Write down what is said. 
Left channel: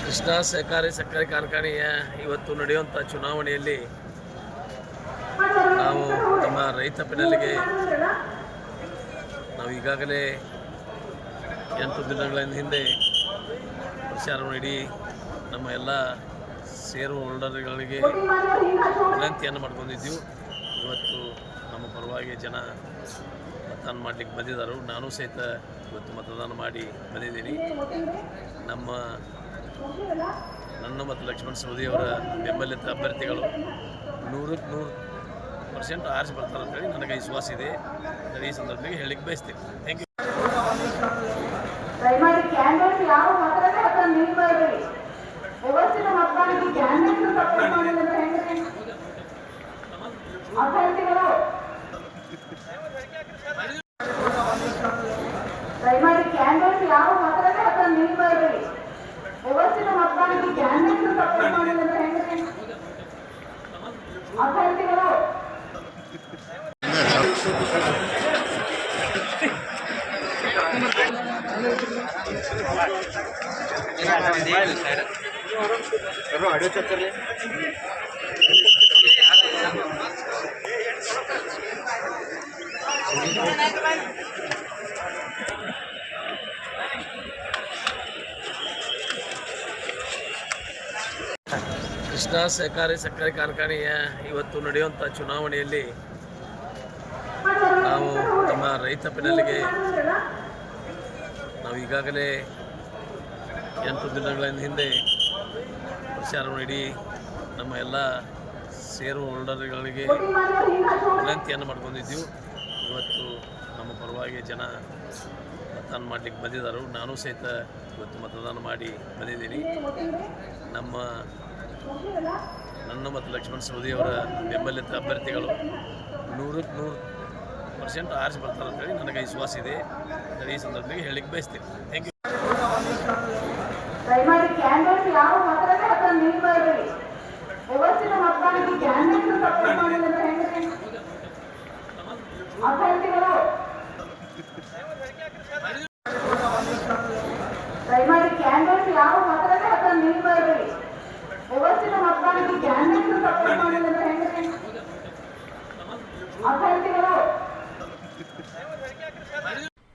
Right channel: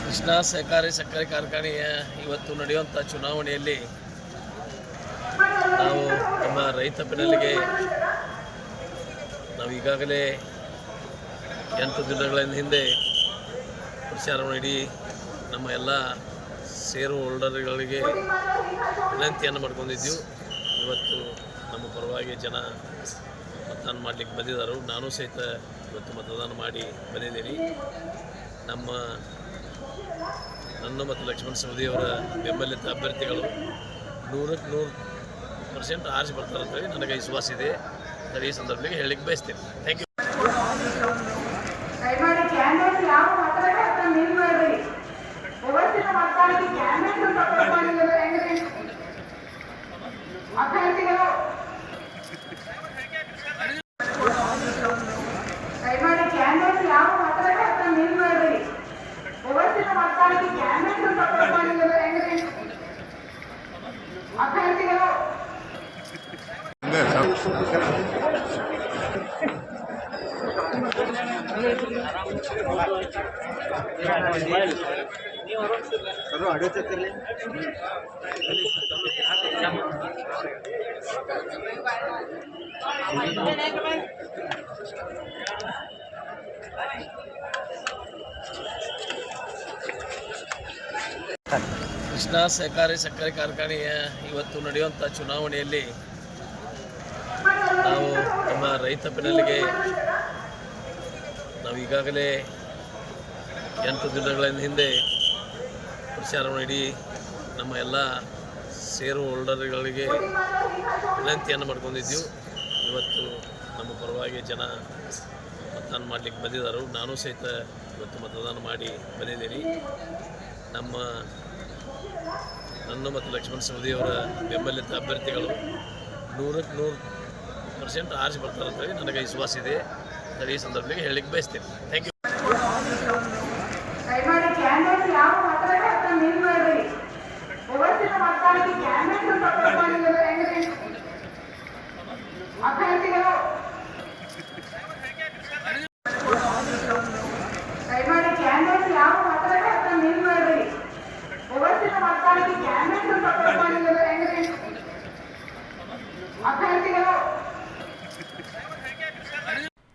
ಕೃಷ್ಣ ಸಹಕಾರಿ ಸಕ್ಕರೆ ಕಾರ್ಖಾನೆಯ ಇವತ್ತು ನಡೆಯುವಂಥ ಚುನಾವಣೆಯಲ್ಲಿ ನಮ್ಮ ರೈತ ಬೆನ್ನೆಲಿಗೆ ನಾವು ಈಗಾಗಲೇ ಎಂಟು ದಿನಗಳ ಹಿಂದೆ ಪ್ರಚಾರ ನೀಡಿ ನಮ್ಮ ಎಲ್ಲ ಸೇರು ಹೋಲ್ಡರ್ಗಳಿಗೆ ವಿನಂತಿಯನ್ನು ಮಾಡ್ಕೊಂಡಿದ್ದೆವು. ಇವತ್ತು ನಮ್ಮ ಪರವಾಗಿ ಜನ ಮತದಾನ ಮಾಡಲಿಕ್ಕೆ ಬಂದಿದ್ದರು. ನಾನು ಸಹಿತ ಇವತ್ತು ಮತದಾನ ಮಾಡಿ ಬಂದಿದ್ದೀನಿ. ನಮ್ಮ ನನ್ನ ಮತ್ತು ಲಕ್ಷ್ಮಣ ಸವದಿಯವರ ಬೆಂಬಲಿತ ಅಭ್ಯರ್ಥಿಗಳು ನೂರಕ್ಕೆ ನೂರು ಪರ್ಸೆಂಟ್ ಆರಿಸಿ ಬರ್ತಾರೆ ಅಂತೇಳಿ ನನಗೆ ವಿಶ್ವಾಸ ಇದೆ. ಅಂತ ಈ ಸಂದರ್ಭದಲ್ಲಿ ಹೇಳಲಿಕ್ಕೆ ಬಯಸ್ತೇನೆ. ಥ್ಯಾಂಕ್ ಯು ಯಾವ ಮತದಾನಕ್ಕೆ ಕ್ಯಾಂಡಿಡೇಟ್ಸ್ ಅಭ್ಯರ್ಥಿಗಳು. ಕೃಷ್ಣ ಸಹಕಾರಿ ಸಕ್ಕರೆ ಕಾರ್ಖಾನೆಯ ಇವತ್ತು ನಡೆಯುವಂಥ ಚುನಾವಣೆಯಲ್ಲಿ ನಾವು ನಮ್ಮ ರೈತ ಬೆನ್ನೆಲಿಗೆ ನಾವು ಈಗಾಗಲೇ ಎಂಟು ದಿನಗಳ ಹಿಂದೆ ಪ್ರಚಾರ ಮಾಡಿ ನಮ್ಮ ಎಲ್ಲ ಷೇರು ಹೋಲ್ಡರ್ಗಳಿಗೆ ವಿನಂತಿಯನ್ನು ಮಾಡ್ಕೊಂಡಿದ್ದೆವು. ಇವತ್ತು ನಮ್ಮ ಪರವಾಗಿ ಜನ ಮತದಾನ ಮಾಡಲಿಕ್ಕೆ ಬಂದಿದ್ದರು. ನಾನು ಸಹಿತ ಇವತ್ತು ಮತದಾನ ಮಾಡಿ ಬಂದಿದ್ದೀನಿ. ನಮ್ಮ ನನ್ನ ಮತ್ತು ಲಕ್ಷ್ಮಣ ಸವದಿಯವರ ಬೆಂಬಲಿತ ಅಭ್ಯರ್ಥಿಗಳು ನೂರಕ್ಕೆ ನೂರು ಪರ್ಸೆಂಟ್ ಆರಿಸಿ ಬರ್ತಾರೆ ಅಂತೇಳಿ ನನಗೆ ವಿಶ್ವಾಸ ಇದೆ. ಅಂತ ಈ ಸಂದರ್ಭದಲ್ಲಿ ಹೇಳಲಿಕ್ಕೆ ಬಯಸ್ತೇನೆ. Thank you